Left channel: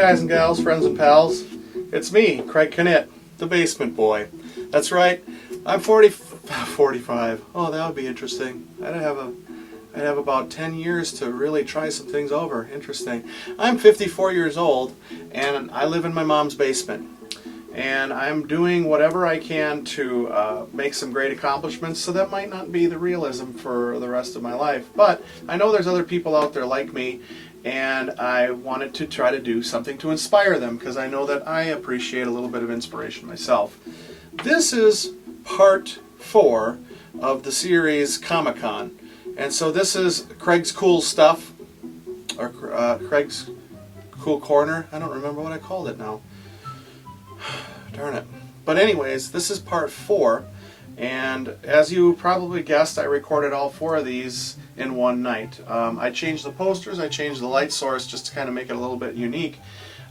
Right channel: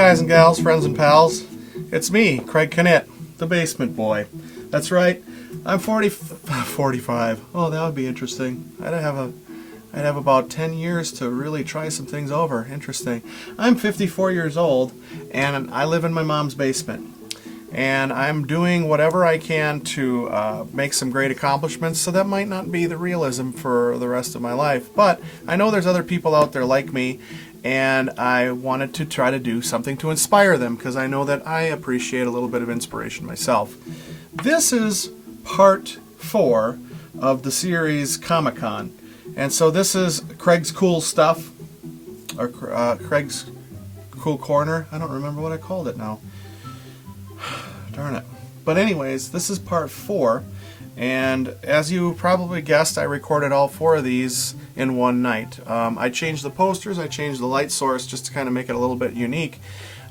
guys and gals, friends and pals. It's me, Craig Knitt, the basement boy. That's right, I'm 45. Oh, that would be interesting. I'd have about 10 years to really try some things over. Interesting. I'm 54 years old, and I live in my mom's basement. And I'm doing whatever I can to make some great accomplishments, so that might not be the realism for the rest of my life. But I know there's other people out there like me, and I wanted to try to do something to inspire them, because I know that I appreciate a little bit of inspiration myself. This is part 4 of the series ComicCon. And so this is Craig's Cool Stuff, or Craig's Cool Corner. I don't remember what I called it now. Darn it. But anyways, this is part 4, and as you probably guessed, I recorded all 4 of these in one night. I changed the posters, I changed the light source just to kind of make it a little bit unique.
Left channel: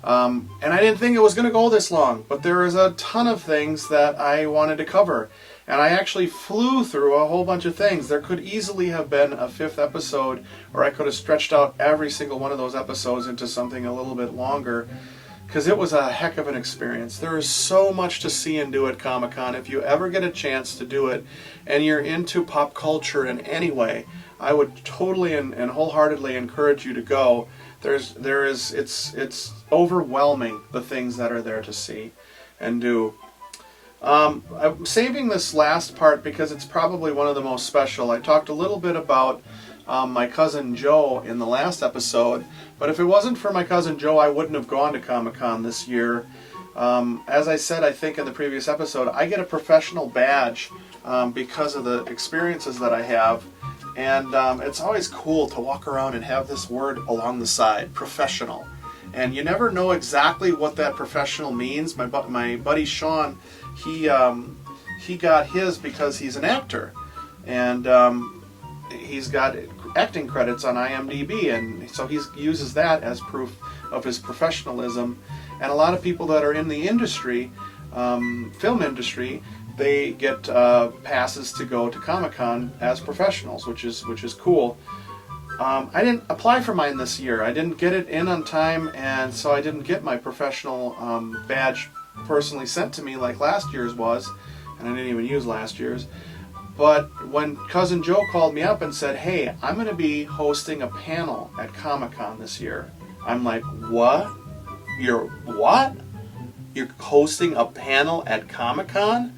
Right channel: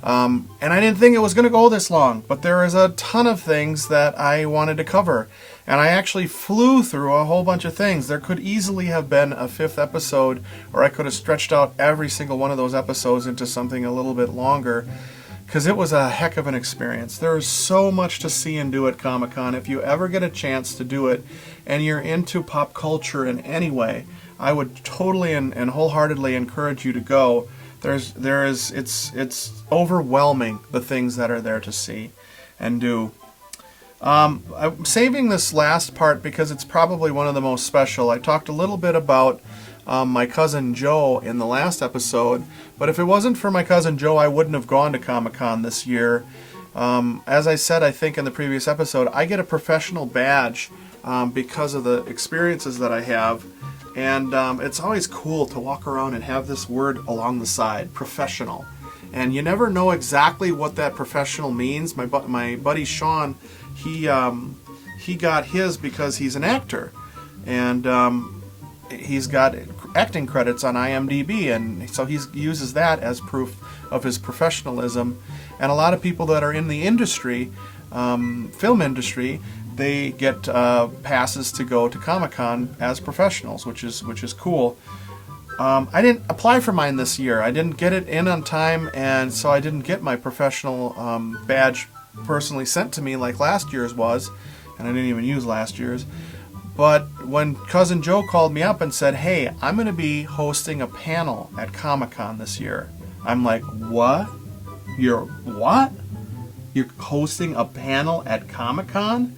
And I didn't think it was going to go this long, but there is a ton of things that I wanted to cover. And I actually flew through a whole bunch of things. There could easily have been a 5th episode, or I could have stretched out every single one of those episodes into something a little bit longer, because it was a heck of an experience. There is so much to see and do at Comic-Con. If you ever get a chance to do it, and you're into pop culture in any way, I would totally and wholeheartedly encourage you to go. It's overwhelming, the things that are there to see and do. I'm saving this last part because it's probably one of the most special. I talked a little bit about my cousin Joe in the last episode, but if it wasn't for my cousin Joe, I wouldn't have gone to Comic-Con this year. As I said, I think in the previous episode, I get a professional badge because of the experiences that I have, and it's always cool to walk around and have this word along the side, professional. And you never know exactly what that professional means. My buddy Sean, he got his because he's an actor, and he's got acting credits on IMDb, and so he uses that as proof of his professionalism. And a lot of people that are in the industry, film industry, they get passes to go to Comic-Con as professionals, which is cool. I didn't apply for mine this year. I didn't get it in on time, and so I didn't get my professional badge personally sent to me like last year's was, and I didn't even use last year's. But when Cousin Joe called me up and said, "Hey, I'm going to be hosting a panel at Comic-Con this year," I'm like, "What? You're what? You're hosting a panel at Comic-Con?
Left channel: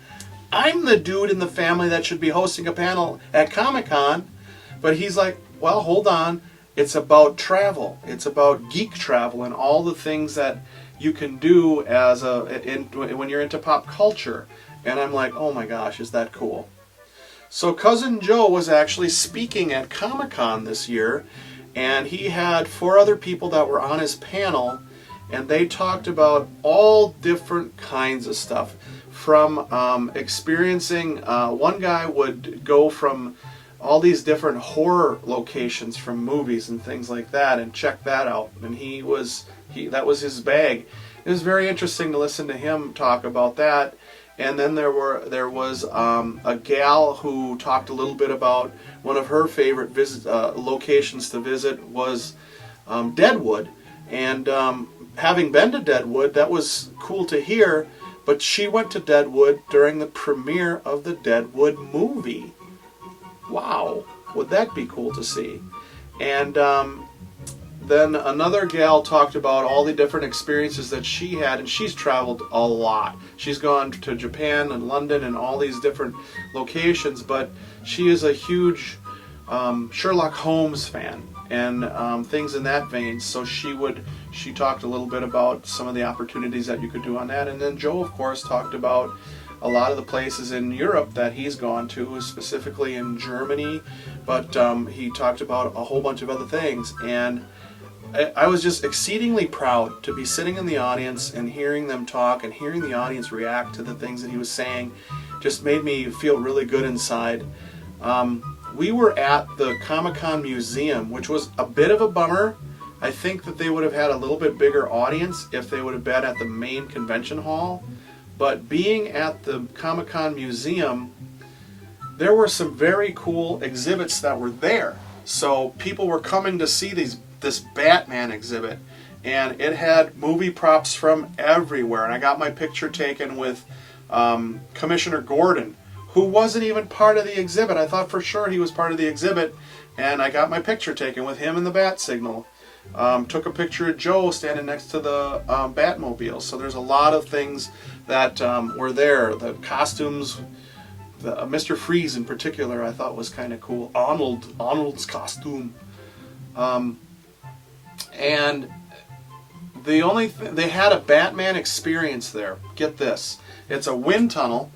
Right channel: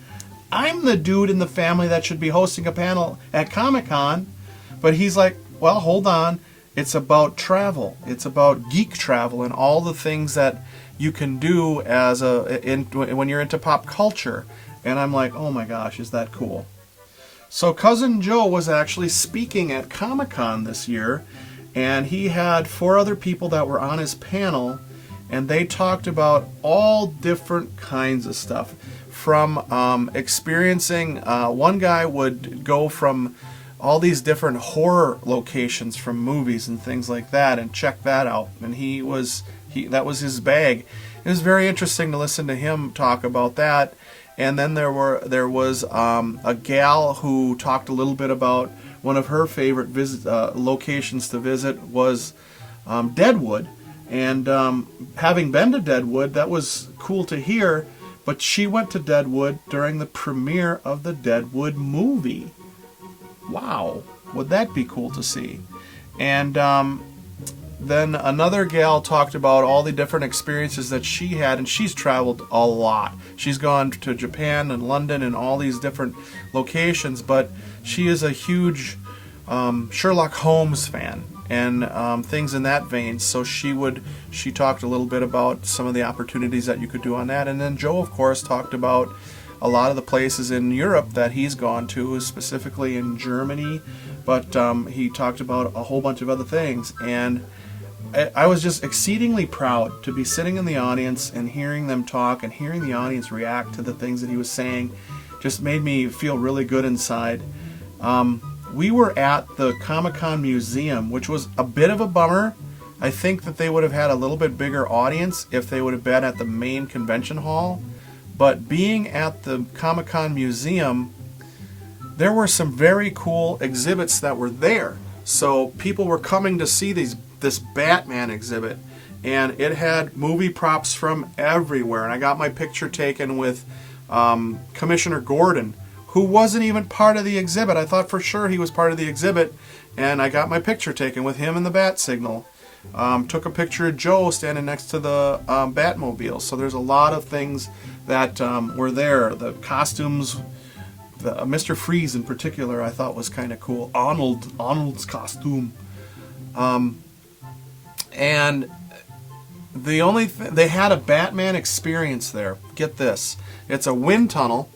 I'm the dude in the family that should be hosting a panel at Comic-Con." But he's like, "Well, hold on. It's about travel. It's about geek travel and all the things that you can do when you're into pop culture." And I'm like, "Oh my gosh, is that cool?" So Cousin Joe was actually speaking at Comic-Con this year, and he had 4 other people that were on his panel, and they talked about all different kinds of stuff. From experiencing, one guy would go from all these different horror locations from movies and things like that and check that out, and that was his bag. It was very interesting to listen to him talk about that. And then there was a gal who talked a little bit about one of her favorite locations to visit was Deadwood. And having been to Deadwood, that was cool to hear, but she went to Deadwood during the premiere of the Deadwood movie. Wow, would that be cool to see? And then another gal talked about all the different experiences that she had, and she's traveled a lot. She's gone to Japan and London and all these different locations, but she is a huge Sherlock Holmes fan and things in that vein. So she talked a little bit about some of the opportunities that you could do on that. And then Joe, of course, talked about a lot of the places in Europe that he's gone to, specifically in Germany, but he talked about a whole bunch of other things. And I was just exceedingly proud to be sitting in the audience and hearing them talk and hearing the audience react to the things that he was saying. Just made me feel really good inside. We were at the Comic-Con Museum, which was a bit of a bummer. I think that they would have had a little bit bigger audience if they would have been at the main convention hall. But being at the Comic-Con Museum, there were some very cool exhibits that were there. So people were coming to see this Batman exhibit, and it had movie props from everywhere. And I got my picture taken with Commissioner Gordon, who wasn't even part of the exhibit. I thought for sure he was part of the exhibit, and I got my picture taken with him and the bat signal. Took a picture of Joe standing next to the Batmobile. So there's a lot of things that were there. The costumes, Mr. Freeze in particular, I thought was kind of cool. Arnold's costume. And the only they had a Batman experience there. Get this. It's a wind tunnel.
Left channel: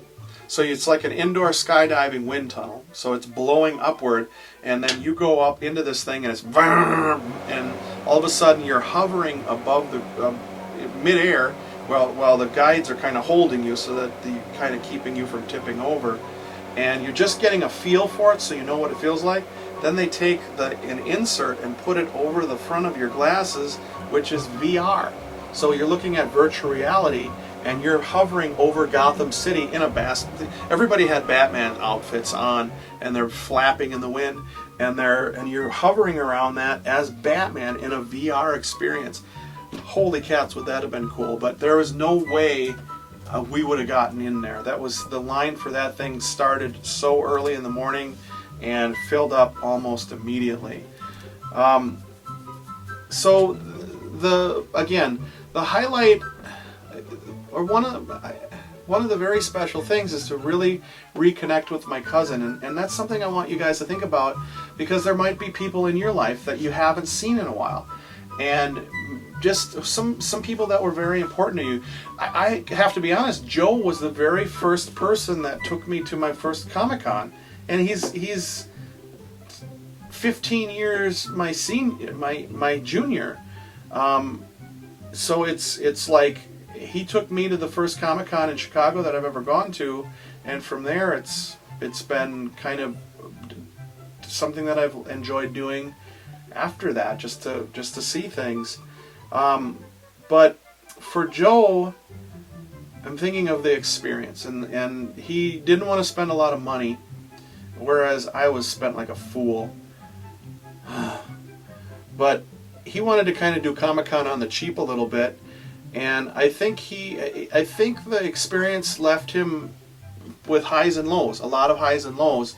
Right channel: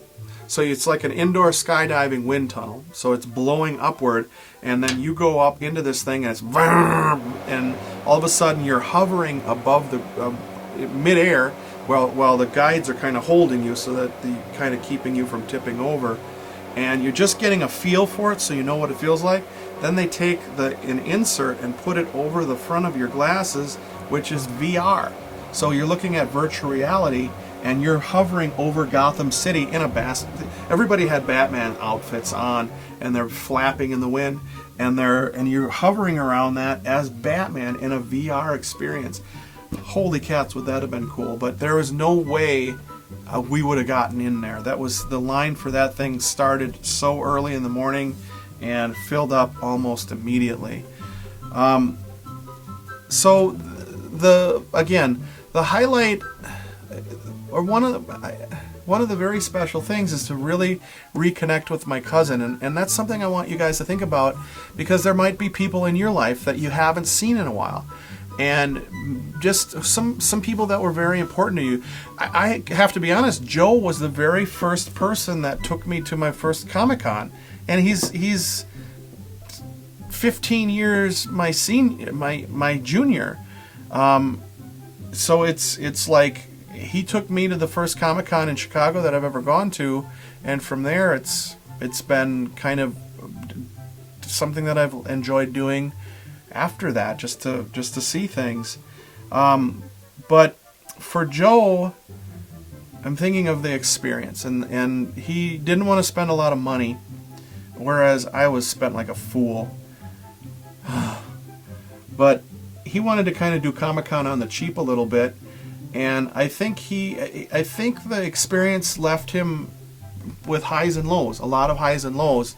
So it's like an indoor skydiving wind tunnel. So it's blowing upward, and then you go up into this thing, and it's and all of a sudden you're hovering above the midair, while the guides are kind of holding you, so that the kind of keeping you from tipping over, and you're just getting a feel for it, so you know what it feels like. Then they take an insert and put it over the front of your glasses, which is VR. So you're looking at virtual reality, and you're hovering over Gotham City in a basket. Everybody had Batman outfits on, and they're flapping in the wind, and you're hovering around that as Batman in a VR experience. Holy cats, would that have been cool? But there was no way we would have gotten in there. That was the line for that thing started so early in the morning and filled up almost immediately. So the highlight, or one of the very special things, is to really reconnect with my cousin, and that's something I want you guys to think about, because there might be people in your life that you haven't seen in a while, and just some people that were very important to you. I have to be honest, Joe was the very first person that took me to my first Comic-Con, and he's 15 years my junior. So it's like he took me to the first Comic-Con in Chicago that I've ever gone to, and from there it's been kind of something that I've enjoyed doing after that, just to see things. But for Joe, I'm thinking of the experience, and he didn't want to spend a lot of money, whereas I was spent like a fool. But he wanted to kind of do Comic-Con on the cheap a little bit, and I think the experience left him with highs and lows, a lot of highs and lows.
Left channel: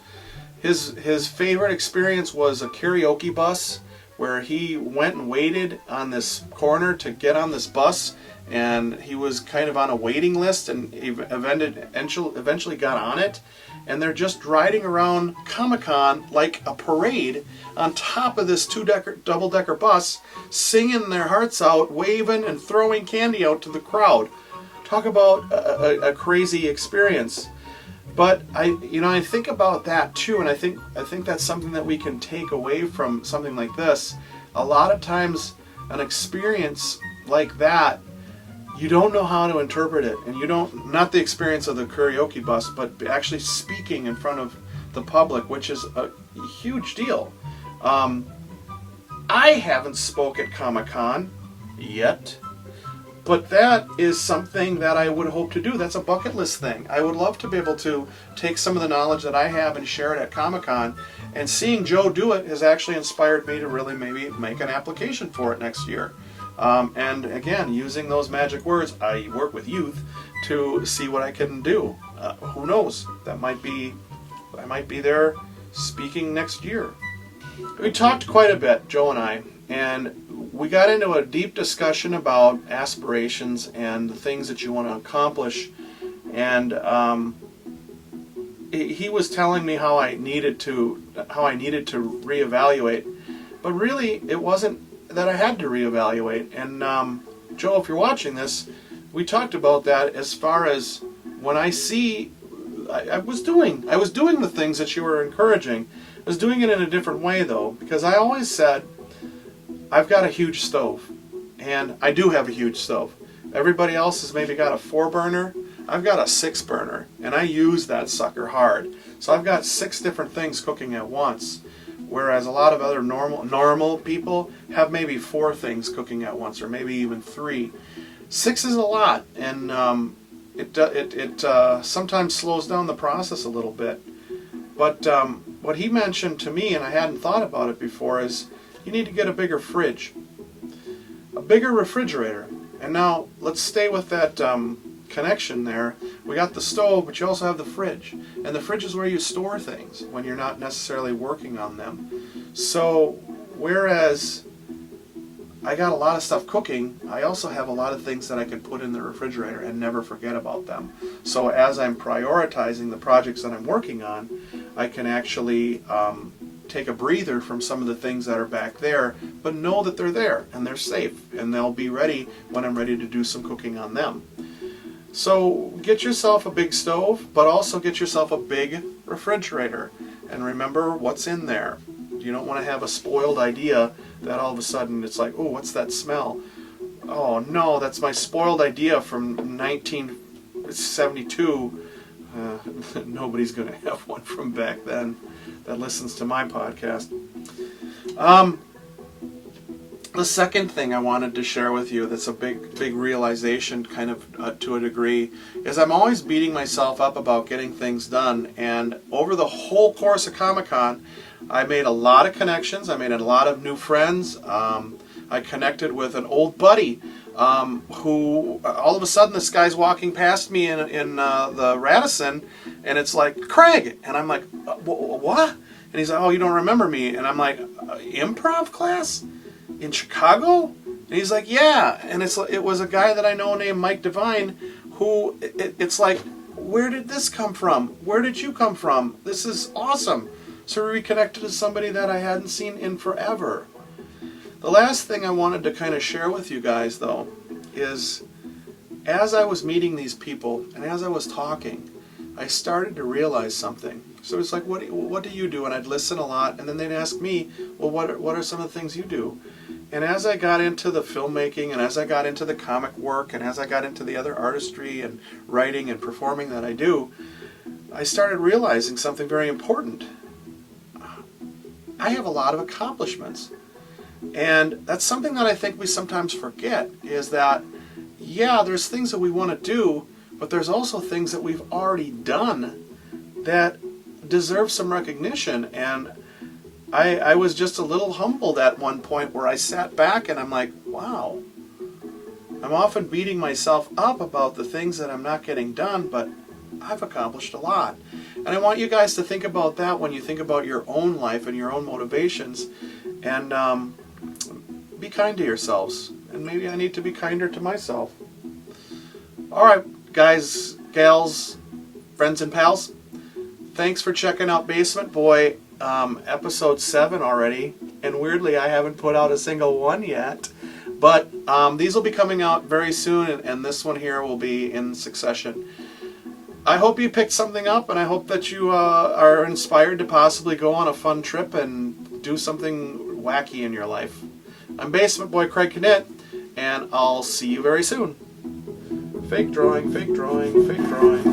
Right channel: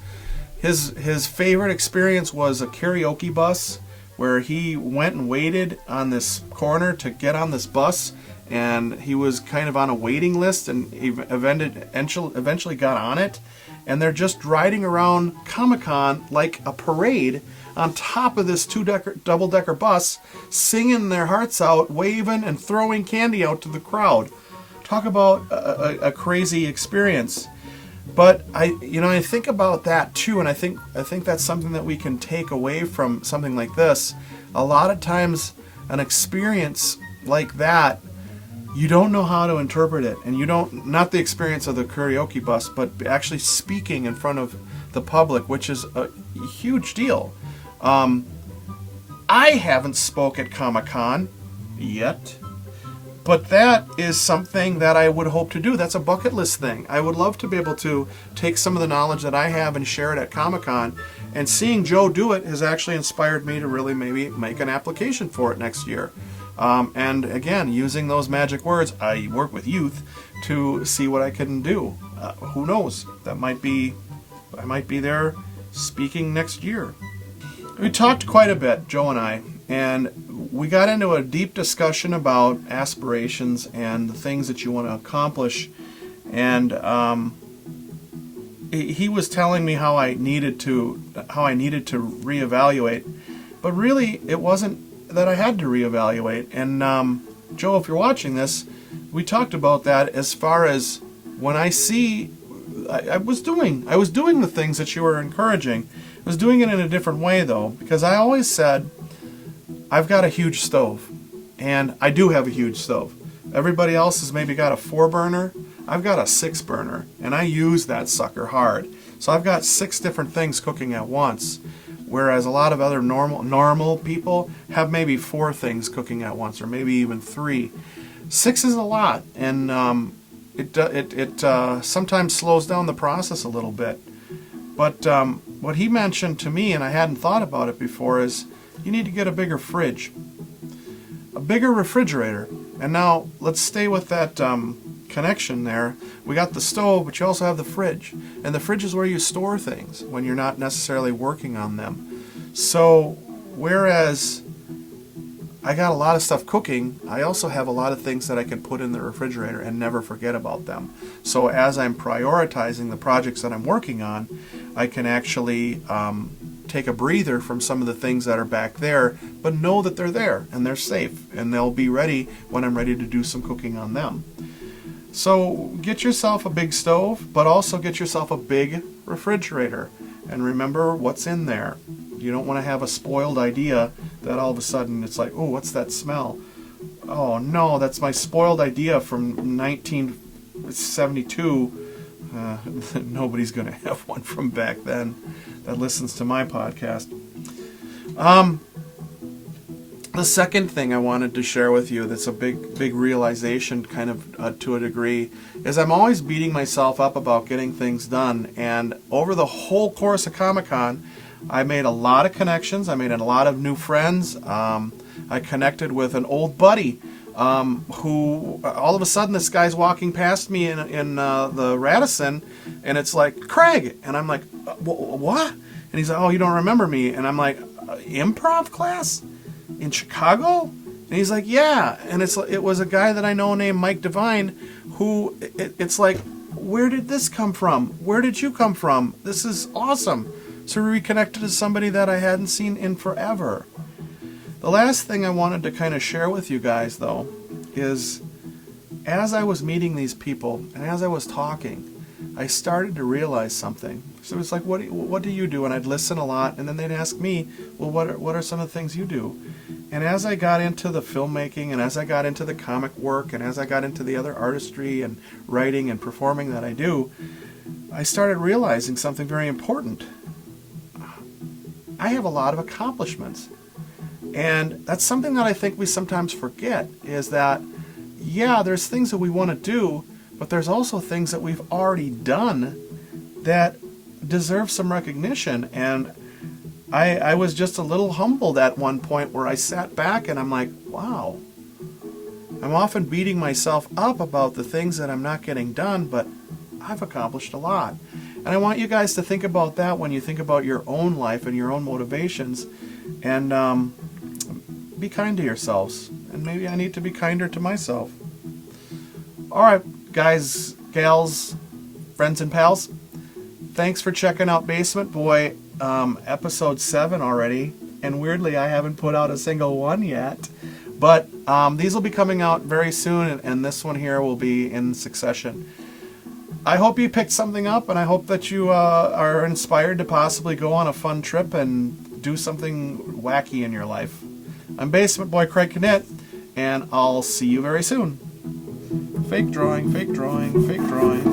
His favorite experience was a karaoke bus, where he went and waited on this corner to get on this bus, and he was kind of on a waiting list, and he eventually got on it, and they're just riding around Comic-Con like a parade on top of this double-decker bus, singing their hearts out, waving and throwing candy out to the crowd. Talk about a crazy experience. But I think about that too, and I think that's something that we can take away from something like this. A lot of times, an experience like that, you don't know how to interpret it, and not the experience of the karaoke bus, but actually speaking in front of the public, which is a huge deal. I haven't spoke at Comic-Con yet, but that is something that I would hope to do. That's a bucket list thing. I would love to be able to take some of the knowledge that I have and share it at Comic-Con, and seeing Joe do it has actually inspired me to really maybe make an application for it next year. And again, using those magic words, I work with youth, to see what I can do. Who knows? I might be there speaking next year. We talked quite a bit, Joe and I, and we got into a deep discussion about aspirations and the things that you want to accomplish. And he was telling me how I needed to reevaluate, but really it wasn't that I had to reevaluate. And Joe, if you're watching this, we talked about that as far as when I see I was doing the things that you were encouraging. I was doing it in a different way though, because I always said I've got a huge stove, and I do have a huge stove. Everybody else has maybe got a 4-burner. I've got a 6-burner, and I use that sucker hard. So I've got 6 different things cooking at once, whereas a lot of other normal people have maybe 4 things cooking at once, or maybe even 3. 6 is a lot, and it sometimes slows down the process a little bit. But what he mentioned to me, and I hadn't thought about it before, is you need to get a bigger fridge. bigger refrigerator. And now let's stay with that connection there. We got the stove, but you also have the fridge. And the fridge is where you store things when you're not necessarily working on them. So whereas I got a lot of stuff cooking, I also have a lot of things that I can put in the refrigerator and never forget about them. So as I'm prioritizing the projects that I'm working on, I can actually take a breather from some of the things that are back there, but know that they're there and they're safe and they'll be ready when I'm ready to do some cooking on them. So get yourself a big stove, but also get yourself a big refrigerator. And remember what's in there. You don't want to have a spoiled idea that all of a sudden it's like, oh, what's that smell? Oh no, that's my spoiled idea from 1972. Nobody's going to have one from back then that listens to my podcast. The second thing I wanted to share with you that's a big realization kind of to a degree is I'm always beating myself up about getting things done, and over the whole course of Comic-Con I made a lot of connections. I made a lot of new friends. I connected with an old buddy who all of a sudden this guy's walking past me in the Radisson, and it's like, Craig, and I'm like, what? And he's like, oh, you don't remember me? And I'm like, improv class in Chicago? And he's like, yeah. And it was a guy that I know named Mike Devine, who it's like, where did this come from? Where did you come from? This is awesome. So we reconnected to somebody that I hadn't seen in forever. The last thing I wanted to kind of share with you guys, though, is as I was meeting these people and as I was talking, I started to realize something. So it's like, what do you do? And I'd listen a lot, and then they'd ask me, well, what are some of the things you do? And as I got into the filmmaking, and as I got into the comic work, and as I got into the other artistry and writing and performing that I do, I started realizing something very important. I have a lot of accomplishments. And that's something that I think we sometimes forget, is that, yeah, there's things that we want to do, but there's also things that we've already done that deserve some recognition. And I was just a little humbled at one point where I sat back and I'm like, wow, I'm often beating myself up about the things that I'm not getting done, but I've accomplished a lot. And I want you guys to think about that when you think about your own life and your own motivations, and be kind to yourselves. And maybe I need to be kinder to myself. All right, guys, gals, friends and pals, thanks for checking out Basement Boy episode 7 already. And weirdly, I haven't put out a single one yet. But these will be coming out very soon, and this one here will be in succession. I hope you picked something up, and I hope that you are inspired to possibly go on a fun trip and do something wacky in your life. I'm Basement Boy Craig Knitt, and I'll see you very soon. Fake drawing, fake drawing, fake drawing.